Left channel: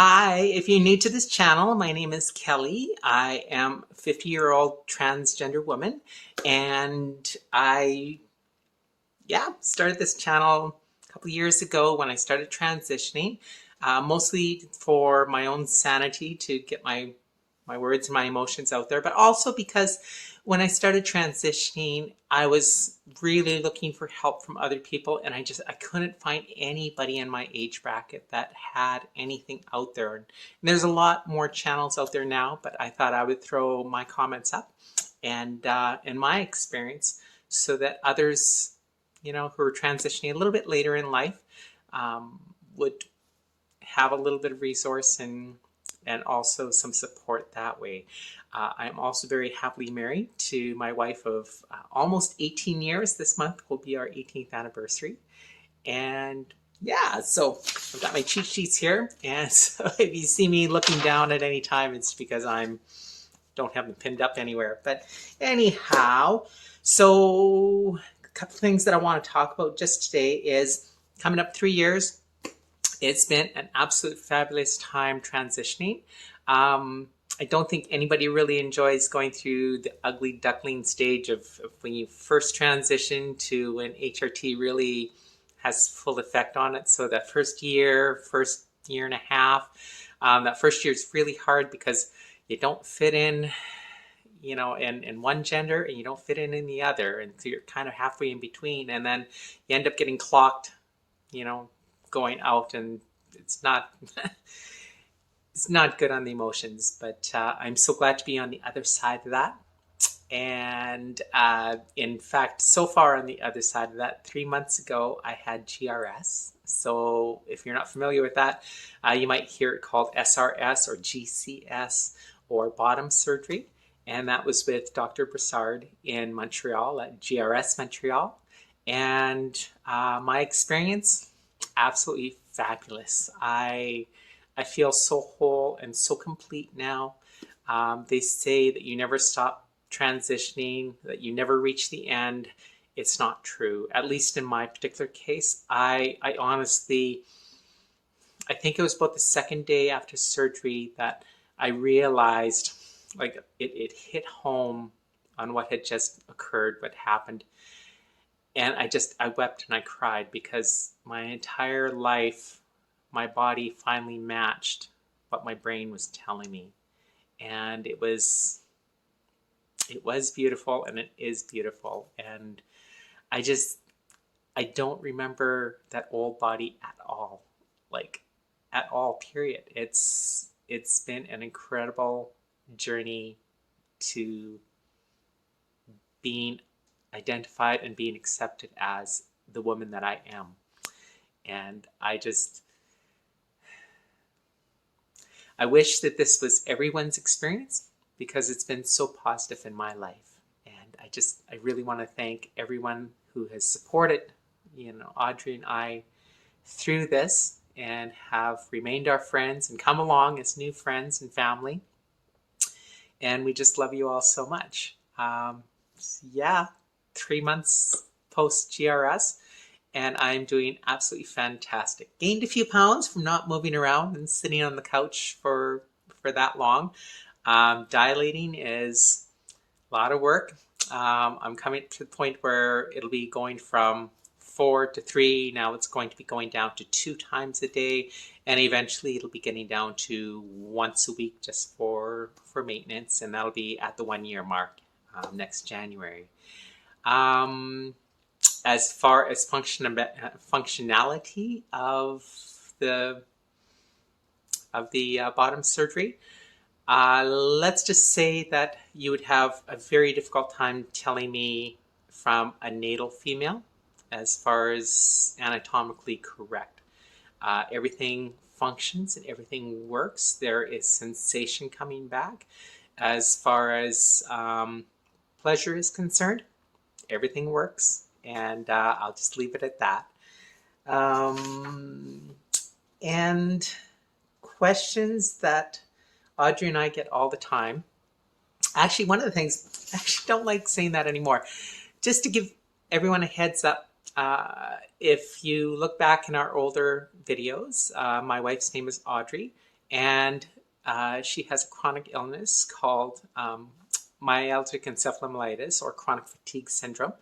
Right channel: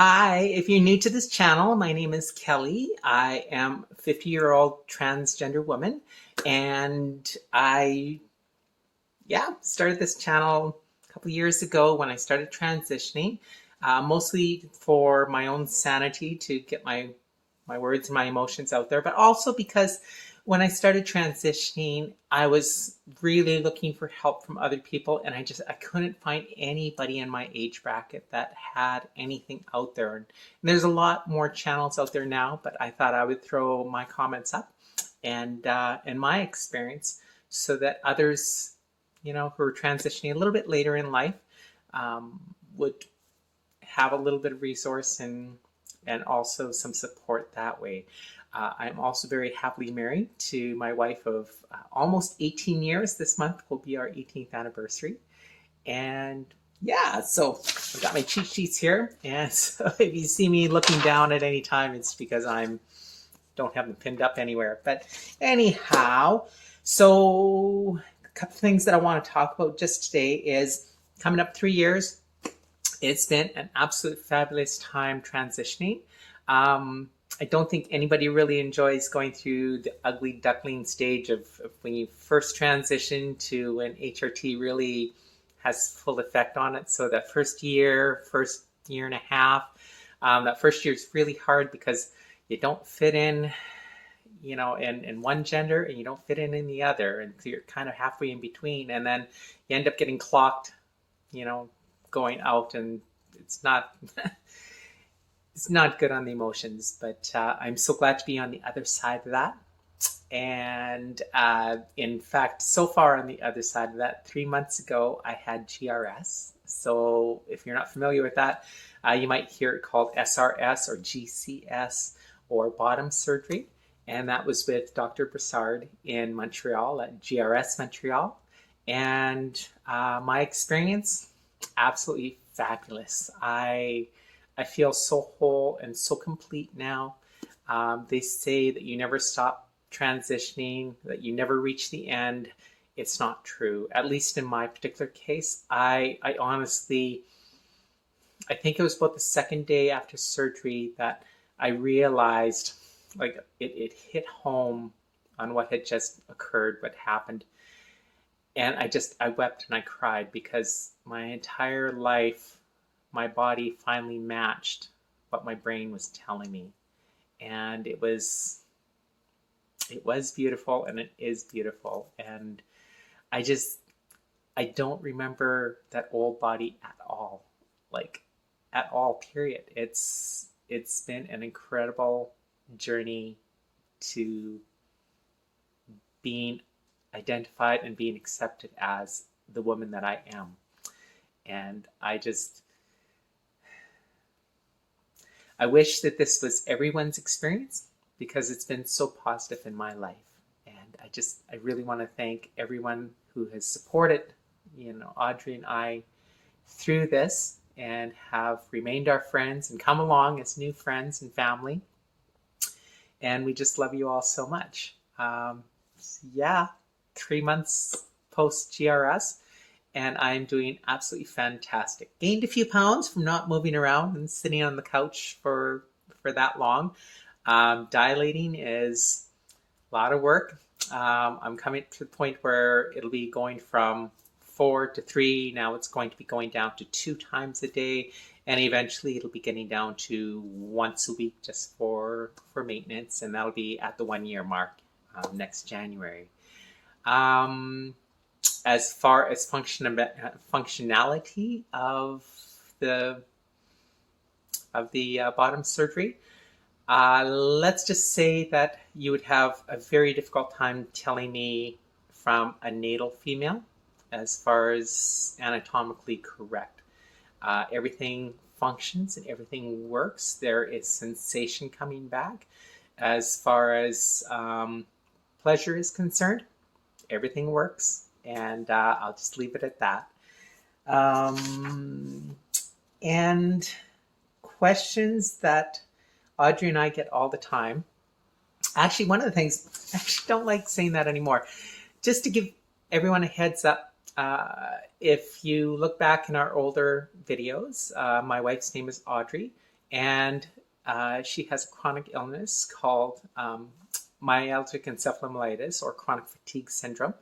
Hi, if you're new to this channel, my name is Kelly. I am a 50-year-old transgender woman, and I started this channel a couple years ago when I started transitioning, mostly for my own sanity to get my words and my emotions out there, but also because when I started transitioning, I was really looking for help from other people, and I couldn't find anybody in my age bracket that had anything out there. And there's a lot more channels out there now, but I thought I would throw my comments up and my experience so that others, who are transitioning a little bit later in life, would have a little bit of resource and also some support that way. I'm also very happily married to my wife of almost 18 years. This month will be our 18th anniversary. And yeah, so I've got my cheat sheets here. And so if you see me looking down at any time, it's because I'm don't have them pinned up anywhere. But anyhow, so a couple things that I want to talk about just today is coming up 3 years. It's been an absolute fabulous time transitioning. I don't think anybody really enjoys going through the ugly duckling stage of when you first transition to when HRT really has full effect on it. So that first year and a half, that first year is really hard because you don't fit in, in one gender, and you don't fit in the other. And so you're kind of halfway in between. And then you end up getting clocked, going out, and it's not it's not good on the emotions. But I'm so glad to be on the other side of that. And in fact, so far on the other side of that, 3 months ago, I had GRS. So if you're not familiar with that, you might hear it called SRS or GCS or bottom surgery. And that was with Dr. Broussard in Montreal at GRS Montreal. And my experience, absolutely fabulous. I feel so whole and so complete now. They say that you never stop transitioning, that you never reach the end. It's not true. At least in my particular case, I honestly, I think it was about the second day after surgery that I realized, like, it hit home on what had just occurred, what happened. And I wept and I cried because my entire life, my body finally matched what my brain was telling me. And it was beautiful, and it is beautiful. And I just, I don't remember that old body at all, like at all, period. It's been an incredible journey to being identified and being accepted as the woman that I am. And I wish that this was everyone's experience because it's been so positive in my life. And I really want to thank everyone who has supported, Audrey and I through this and have remained our friends and come along as new friends and family. And we just love you all so much. Yeah, 3 months post GRS, and I'm doing absolutely fantastic. Gained a few pounds from not moving around and sitting on the couch for that long. Dilating is a lot of work. I'm coming to the point where it'll be going from 4 to 3. Now it's going to be going down to 2 times a day, and eventually it'll be getting down to once a week just for maintenance, and that'll be at the 1 year mark next January. As far as functionality of the bottom surgery, let's just say that you would have a very difficult time telling me from a natal female as far as anatomically correct. Everything functions and everything works. There is sensation coming back. As far as pleasure is concerned, everything works, and I'll just leave it at that. And questions that Audrey and I get all the time. Actually, one of the things, I actually don't like saying that anymore. Just to give everyone a heads up, if you look back in our older videos, my wife's name is Audrey, and she has a chronic illness called myalgic encephalomyelitis, or chronic fatigue syndrome.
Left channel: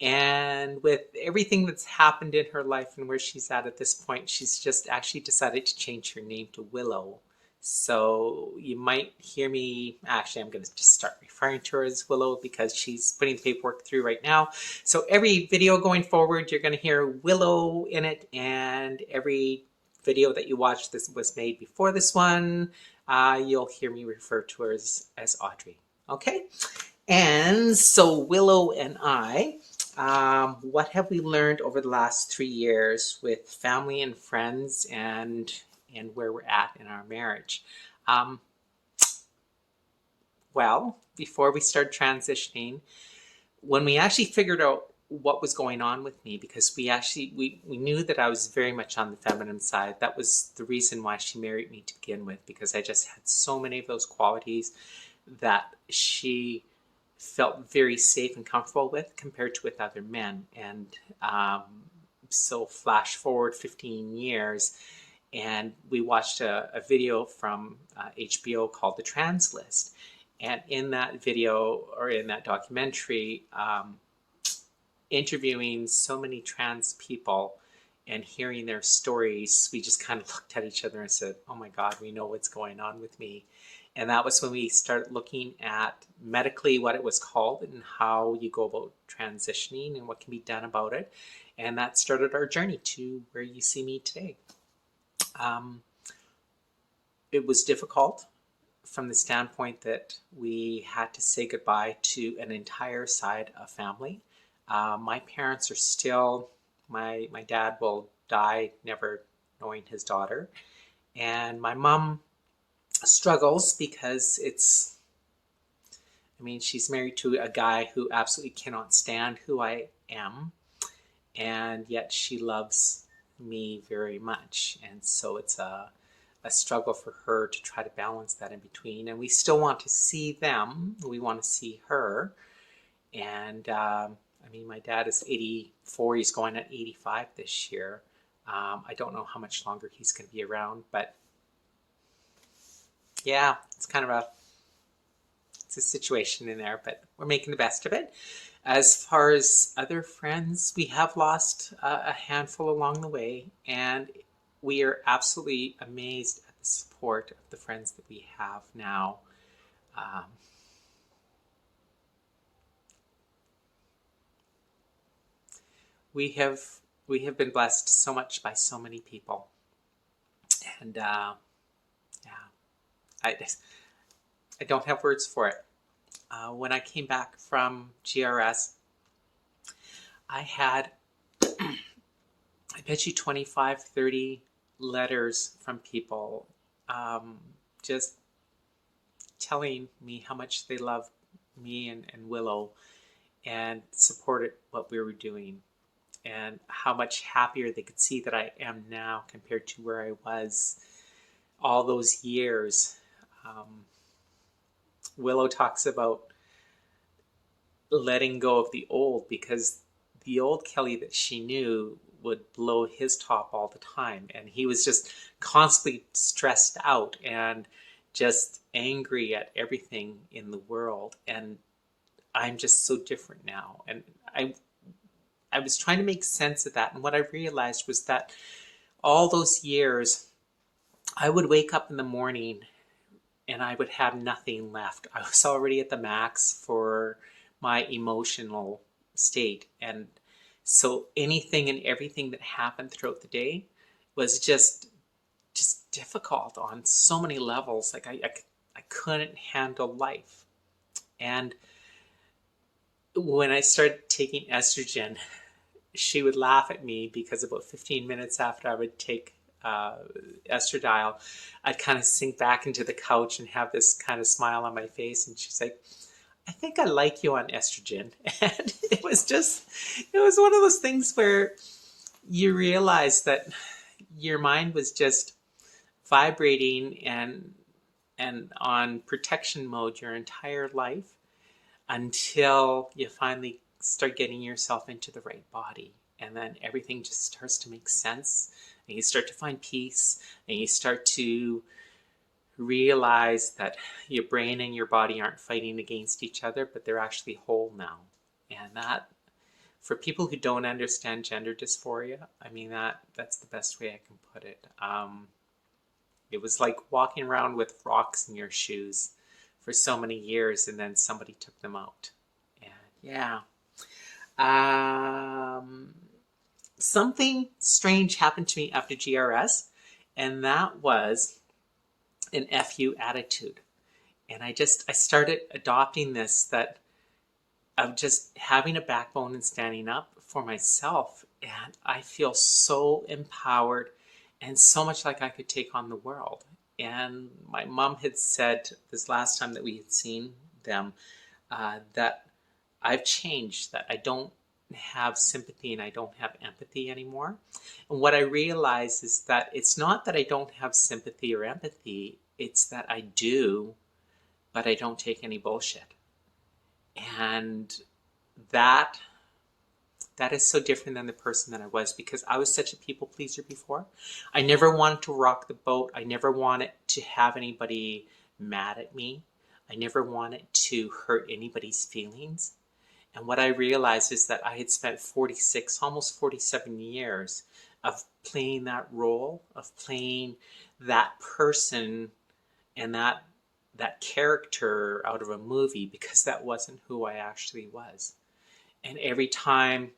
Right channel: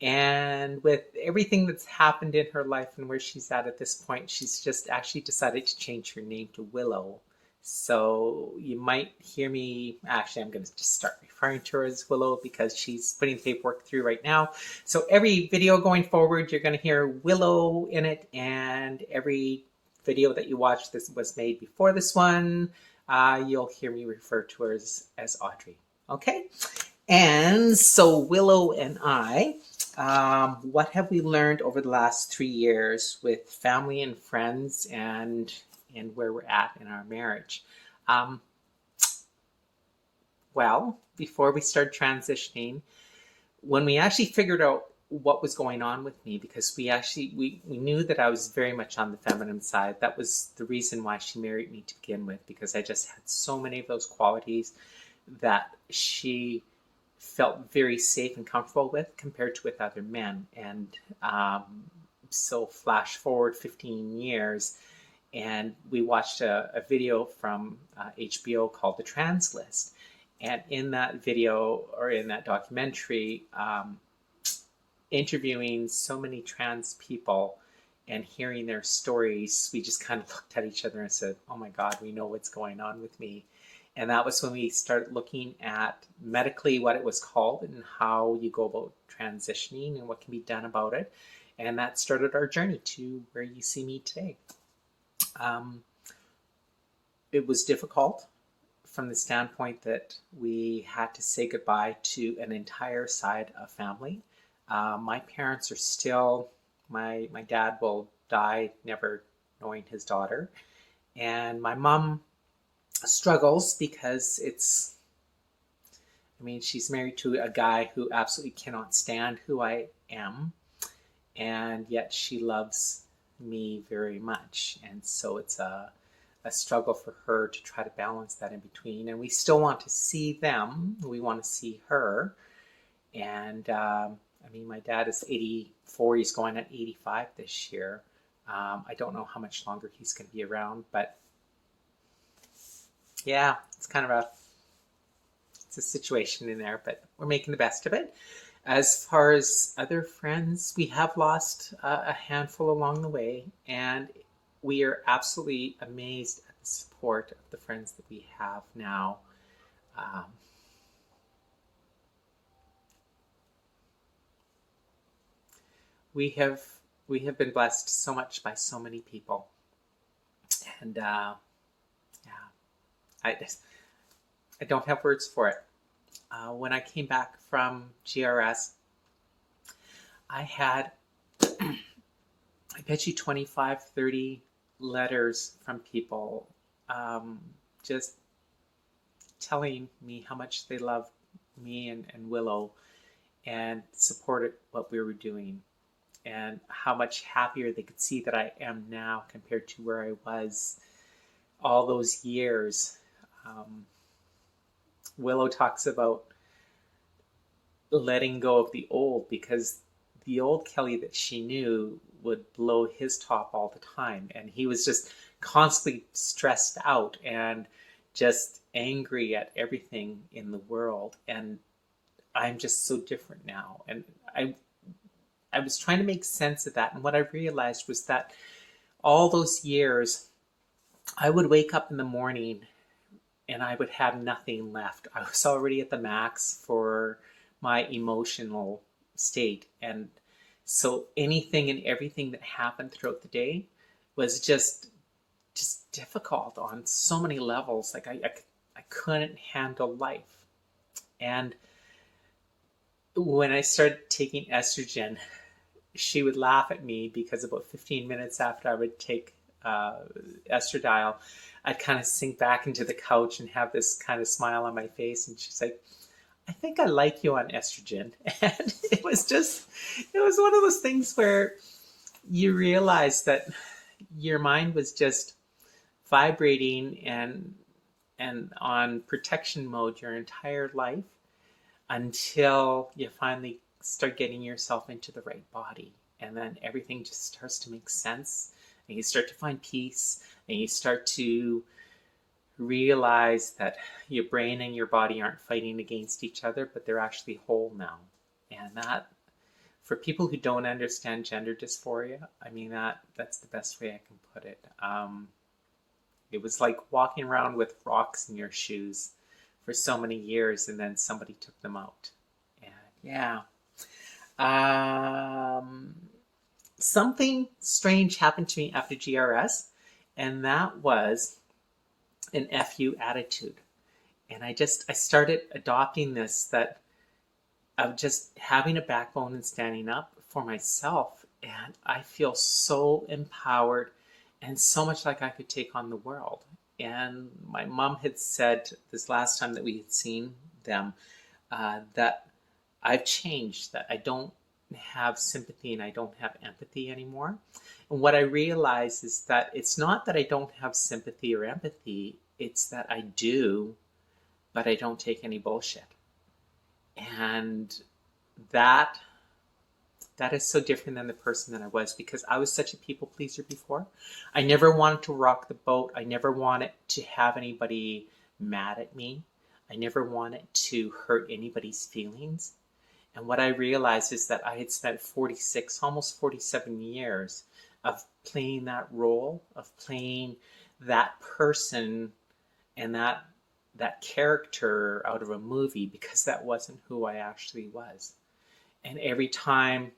And with everything that's happened in her life and where she's at this point, she's just actually decided to change her name to Willow. So you might hear me, actually, I'm going to just start referring to her as Willow because she's putting the paperwork through right now. So every video going forward, you're going to hear Willow in it, and every video that you watch this was made before this one, you'll hear me refer to her as Audrey. Okay? And so Willow and I, what have we learned over the last 3 years with family and friends, and where we're at in our marriage? Well, before we started transitioning, when we actually figured out what was going on with me, because we knew that I was very much on the feminine side. That was the reason why she married me to begin with, because I just had so many of those qualities that she felt very safe and comfortable with compared to with other men. And so flash forward 15 years, and we watched a video from HBO called The Trans List. And in that video, or in that documentary, interviewing so many trans people and hearing their stories, we just kind of looked at each other and said, oh my God, we know what's going on with me. And that was when we started looking at medically what it was called and how you go about transitioning and what can be done about it. And that started our journey to where you see me today. It was difficult from the standpoint that we had to say goodbye to an entire side of family. My parents are still, my dad will die never knowing his daughter. And my mom struggles because she's married to a guy who absolutely cannot stand who I am, and yet she loves me very much. And so it's a struggle for her to try to balance that in between. And we still want to see them. We want to see her. And my dad is 84. He's going at 85 this year. I don't know how much longer he's going to be around, but yeah, it's kind of it's a situation in there, but we're making the best of it. As far as other friends, we have lost a handful along the way, and we are absolutely amazed at the support of the friends that we have now. We have been blessed so much by so many people, and I don't have words for it. When I came back from GRS, I had, I bet you 25, 30 letters from people just telling me how much they loved me and Willow and supported what we were doing, and how much happier they could see that I am now compared to where I was all those years. Willow talks about letting go of the old, because the old Kelly that she knew would blow his top all the time, and he was just constantly stressed out and just angry at everything in the world. And I'm just so different now, and I was trying to make sense of that. And what I realized was that all those years I would wake up in the morning and I would have nothing left. I was already at the max for my emotional state. And so anything and everything that happened throughout the day was just difficult on so many levels. Like I couldn't handle life. And when I started taking estrogen, she would laugh at me because about 15 minutes after I would take estradiol, I'd kind of sink back into the couch and have this kind of smile on my face. And she's like, I think I like you on estrogen. And it was one of those things where you realize that your mind was just vibrating and on protection mode your entire life until you finally start getting yourself into the right body. And then everything just starts to make sense. And you start to find peace, and you start to realize that your brain and your body aren't fighting against each other, but they're actually whole now. And that, for people who don't understand gender dysphoria, I mean, that's the best way I can put it. It was like walking around with rocks in your shoes for so many years, and then somebody took them out. And yeah. Um, Something strange happened to me after GRS, and that was an FU attitude. And I started adopting this, that of just having a backbone and standing up for myself. And I feel so empowered and so much like I could take on the world. And my mom had said this last time that we had seen them, that I've changed, that I don't have sympathy and I don't have empathy anymore. And what I realize is that it's not that I don't have sympathy or empathy, it's that I do, but I don't take any bullshit. And that that is so different than the person that I was, because I was such a people pleaser before. I never wanted to rock the boat. I never wanted to have anybody mad at me. I never wanted to hurt anybody's feelings. And what I realized is that I had spent 46, almost 47 years of playing that role, of playing that person and that character out of a movie, because that wasn't who I actually was. And every time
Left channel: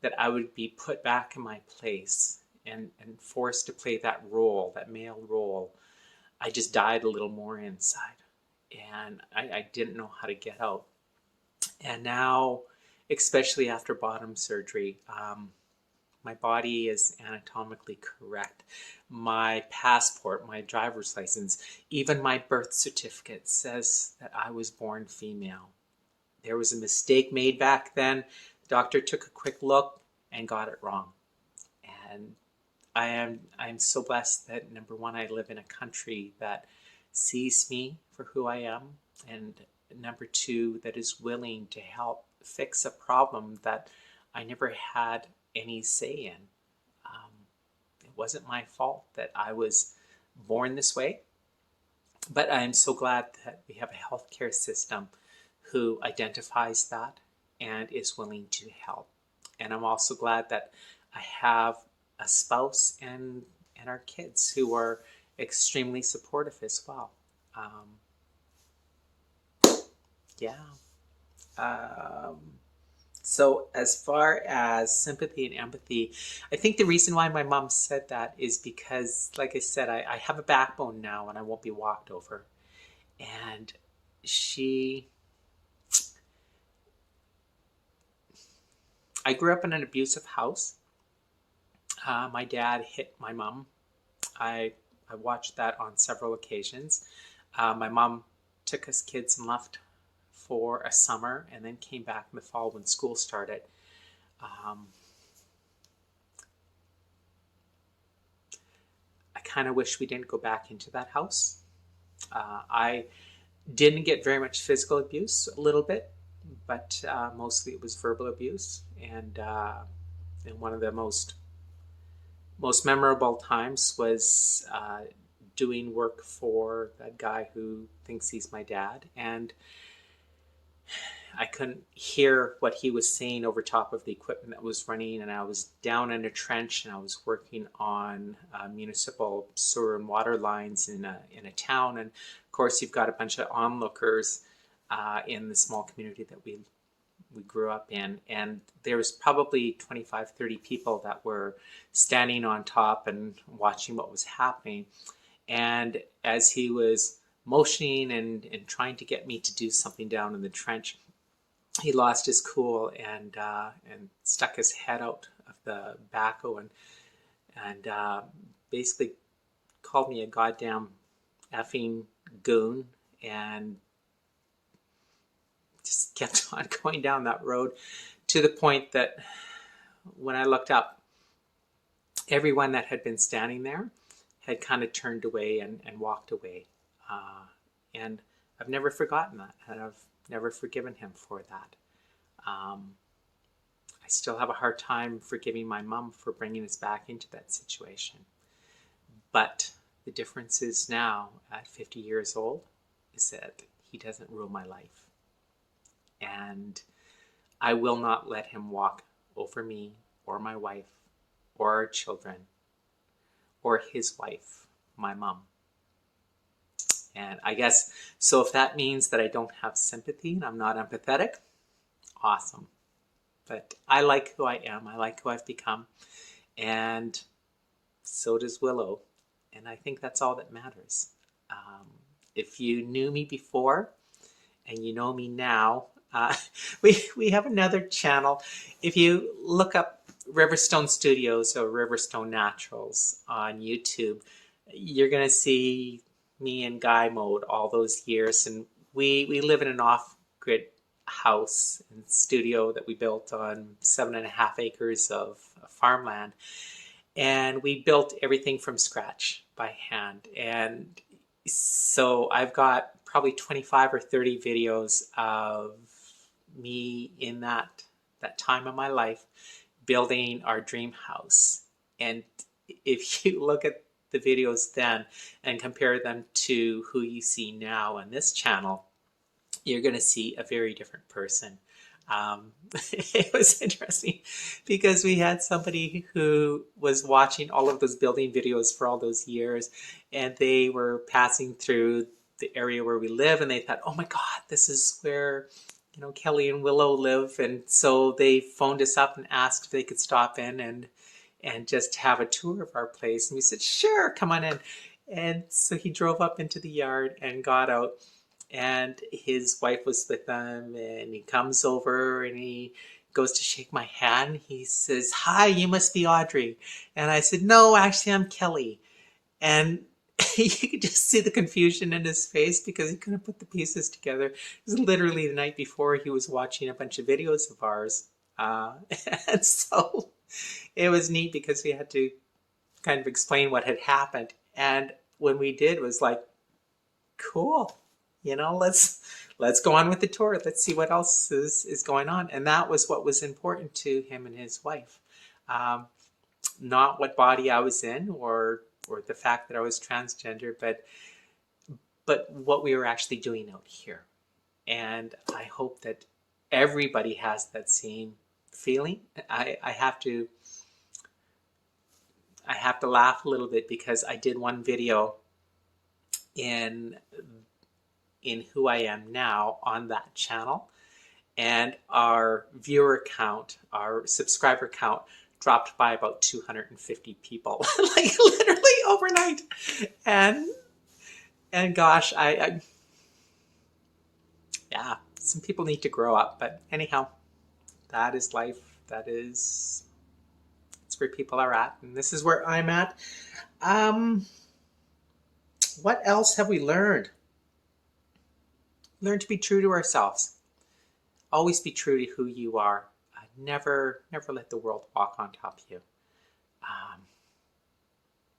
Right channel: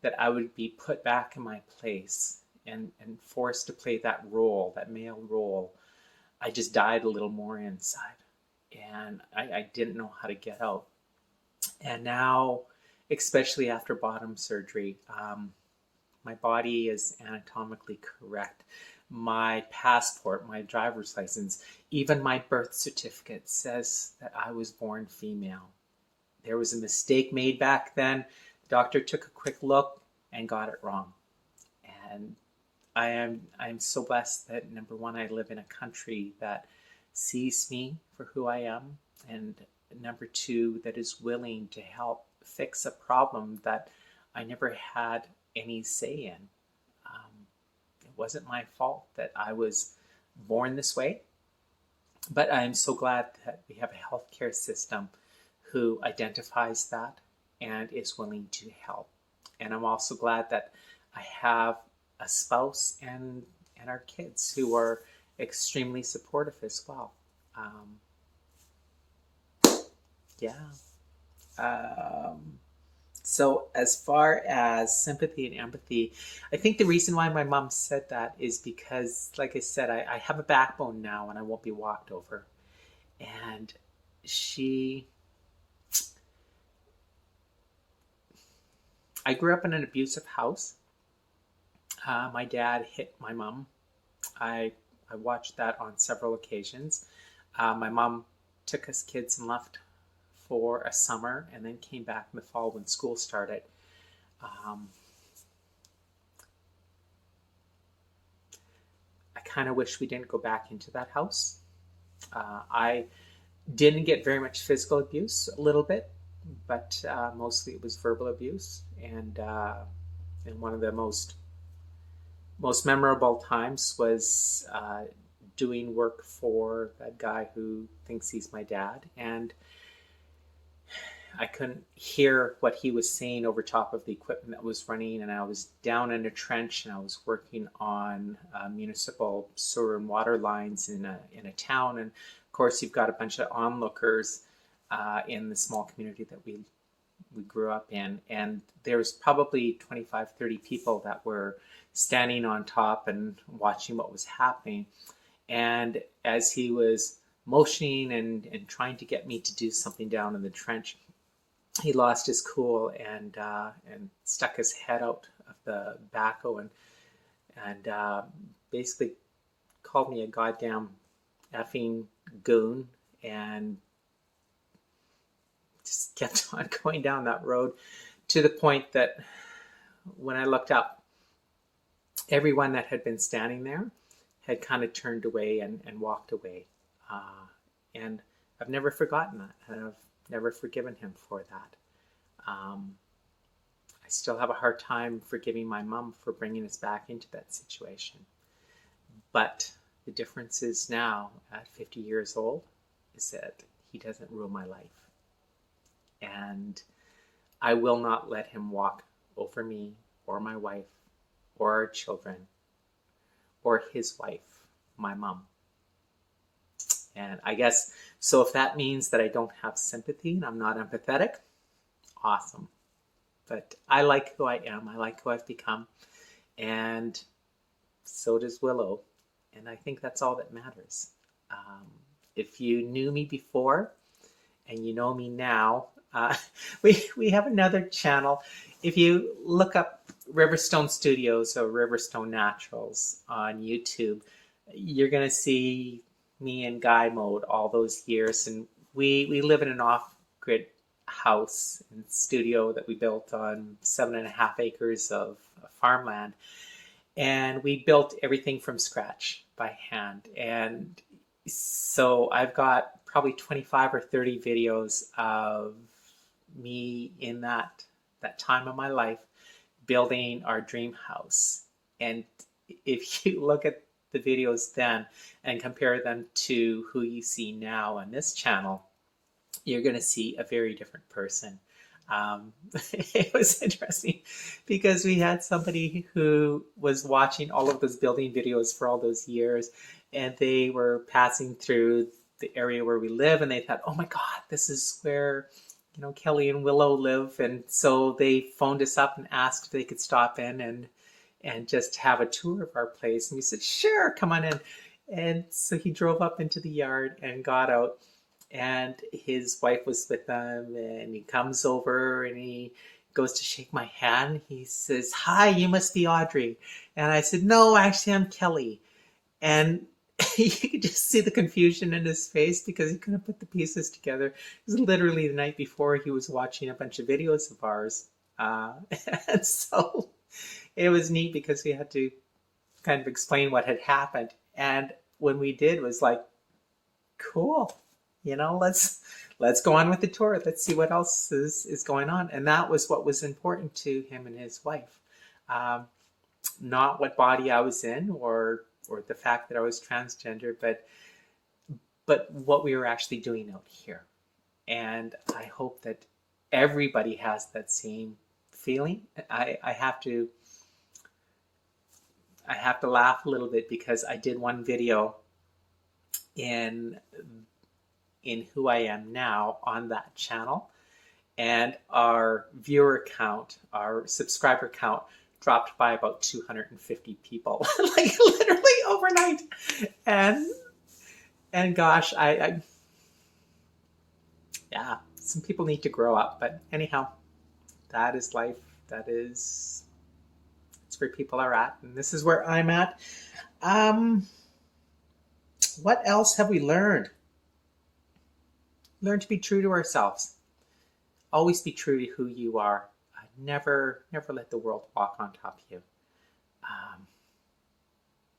that I would be put back in my place and forced to play that role, that male role, I just died a little more inside. And I didn't know how to get out. And now, especially after bottom surgery, my body is anatomically correct. My passport, my driver's license, even my birth certificate says that I was born female. There was a mistake made back then. The doctor took a quick look and got it wrong. And I'm so blessed that, number one, I live in a country that sees me for who I am, and number two, that is willing to help fix a problem that I never had any say in. It wasn't my fault that I was born this way, but I'm so glad that we have a healthcare system who identifies that and is willing to help. And I'm also glad that I have a spouse and our kids who are extremely supportive as well. Yeah. Um, so as far as sympathy and empathy, I think the reason why my mom said that is because, like I said, I have a backbone now and I won't be walked over. And I grew up in an abusive house. My dad hit my mom. I watched that on several occasions. My mom took us kids and left for a summer and then came back in the fall when school started. I kind of wish we didn't go back into that house. I didn't get very much physical abuse, a little bit, but mostly it was verbal abuse. And one of the most memorable times was doing work for that guy who thinks he's my dad, and I couldn't hear what he was saying over top of the equipment that was running, and I was down in a trench and I was working on municipal sewer and water lines in a town. And of course, you've got a bunch of onlookers in the small community that we grew up in, and there was probably 25, 30 people that were standing on top and watching what was happening. And as he was motioning and trying to get me to do something down in the trench, he lost his cool and stuck his head out of the backhoe and basically called me a goddamn effing goon, and just kept on going down that road, to the point that when I looked up, everyone that had been standing there had kind of turned away and walked away. And I've never forgotten that, and I've never forgiven him for that. I still have a hard time forgiving my mom for bringing us back into that situation. But the difference is now, at 50 years old is that he doesn't rule my life. And I will not let him walk over me or my wife or our children or his wife, my mom. And I guess, so if that means that I don't have sympathy and I'm not empathetic, awesome. But I like who I am. I like who I've become. And so does Willow. And I think that's all that matters. If you knew me before and you know me now, we have another channel. If you look up Riverstone Studios or Riverstone Naturals on YouTube, you're going to see me in guy mode all those years. And we live in an off-grid house and studio that we built on 7.5 acres of farmland. And we built everything from scratch by hand. And so I've got probably 25 or 30 videos of me in that time of my life building our dream house. And if you look at the videos then and compare them to who you see now on this channel, you're going to see a very different person. It was interesting because we had somebody who was watching all of those building videos for all those years, and they were passing through the area where we live, and they thought, oh my God, this is where, you know, Kelly and Willow live. And so they phoned us up and asked if they could stop in and just have a tour of our place. And we said, sure, come on in. And so he drove up into the yard and got out, and his wife was with him, and he comes over and he goes to shake my hand. He says, hi, you must be Audrey. And I said, no, actually I'm Kelly. And you could just see the confusion in his face because he couldn't put the pieces together. It was literally the night before he was watching a bunch of videos of ours. And so it was neat because we had to kind of explain what had happened. And when we did, it was like, cool, you know, let's go on with the tour. Let's see what else is going on. And that was what was important to him and his wife. Not what body I was in or the fact that I was transgender, but what we were actually doing out here. And I hope that everybody has that same feeling. I have to laugh a little bit because I did one video in who I am now on that channel, and our viewer count, our subscriber count, dropped by about 250 people, like literally overnight. And gosh, I yeah, some people need to grow up. But anyhow, that is life. That's where people are at, and this is where I'm at. What else have we learned? Learn to be true to ourselves. Always be true to who you are. Never let the world walk on top of you.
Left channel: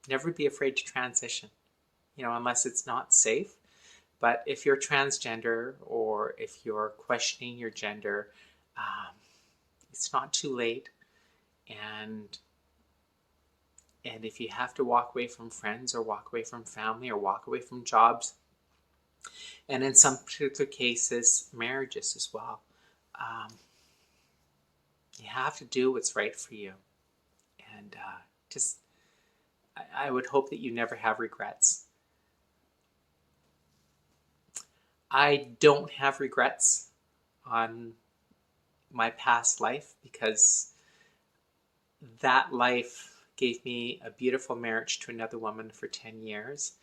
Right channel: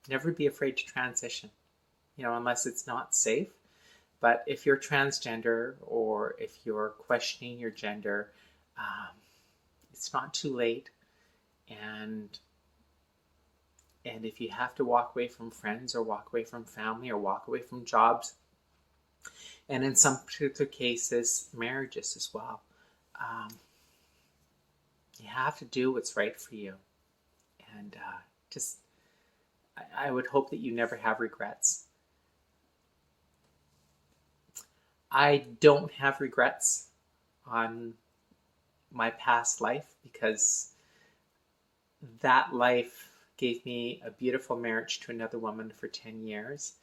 Never be afraid to transition, you know, unless it's not safe. But if you're transgender or if you're questioning your gender, it's not too late. And if you have to walk away from friends or walk away from family or walk away from jobs, and in some particular cases, marriages as well, you have to do what's right for you. And I would hope that you never have regrets. I don't have regrets on my past life because that life gave me a beautiful marriage to another woman for 10 years,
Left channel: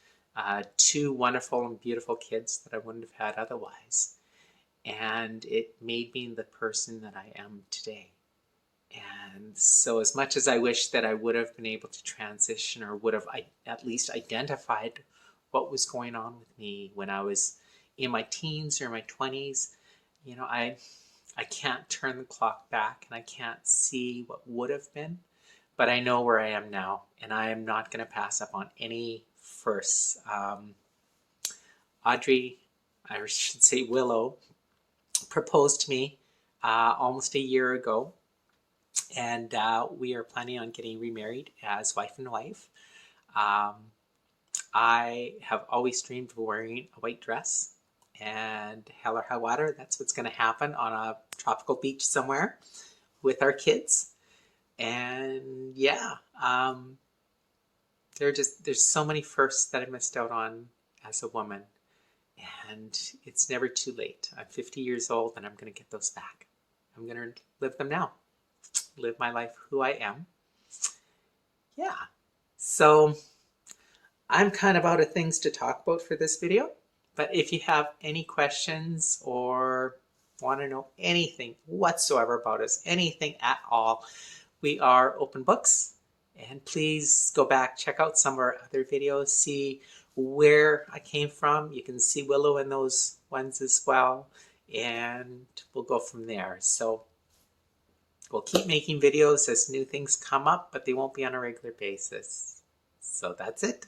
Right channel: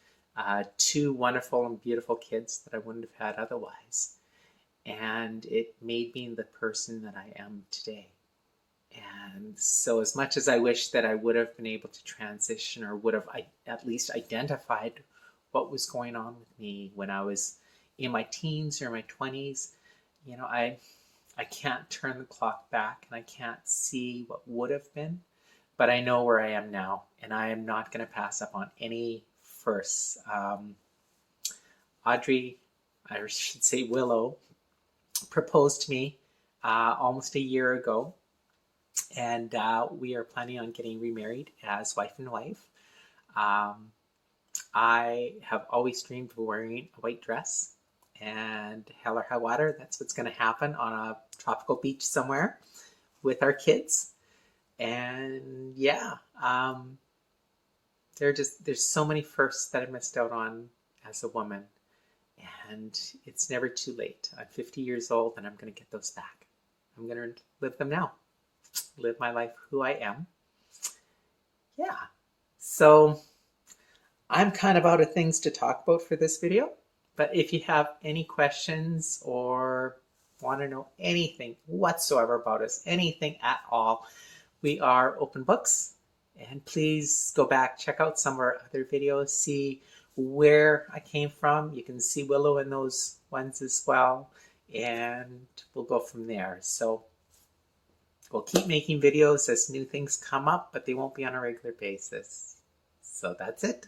2 wonderful and beautiful kids that I wouldn't have had otherwise. And it made me the person that I am today. And so as much as I wish that I would have been able to transition or would have at least identified what was going on with me when I was in my teens or my 20s, you know, I can't turn the clock back and I can't see what would have been, but I know where I am now, and I am not going to pass up on any firsts. Audrey, I should say Willow, proposed to me almost a year ago, and we are planning on getting remarried as wife and wife. I have always dreamed of wearing a white dress, and hell or high water, that's what's going to happen on a tropical beach somewhere with our kids. And yeah, there's so many firsts that I missed out on as a woman, and it's never too late. I'm 50 years old, and I'm going to get those back. I'm going to live them now, live my life who I am. Yeah. So I'm kind of out of things to talk about for this video, but if you have any questions or want to know anything whatsoever about us, anything at all, we are open books. And please go back, check out some of our other videos, see where I came from. You can see Willow in those ones as well, and we'll go from there. So we'll keep making videos as new things come up, but they won't be on a regular basis. So that's it.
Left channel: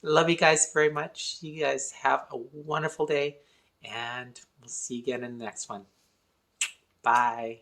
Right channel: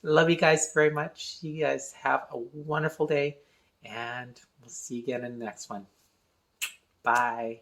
Love you guys very much. You guys have a wonderful day, and we'll see you again in the next one. Bye.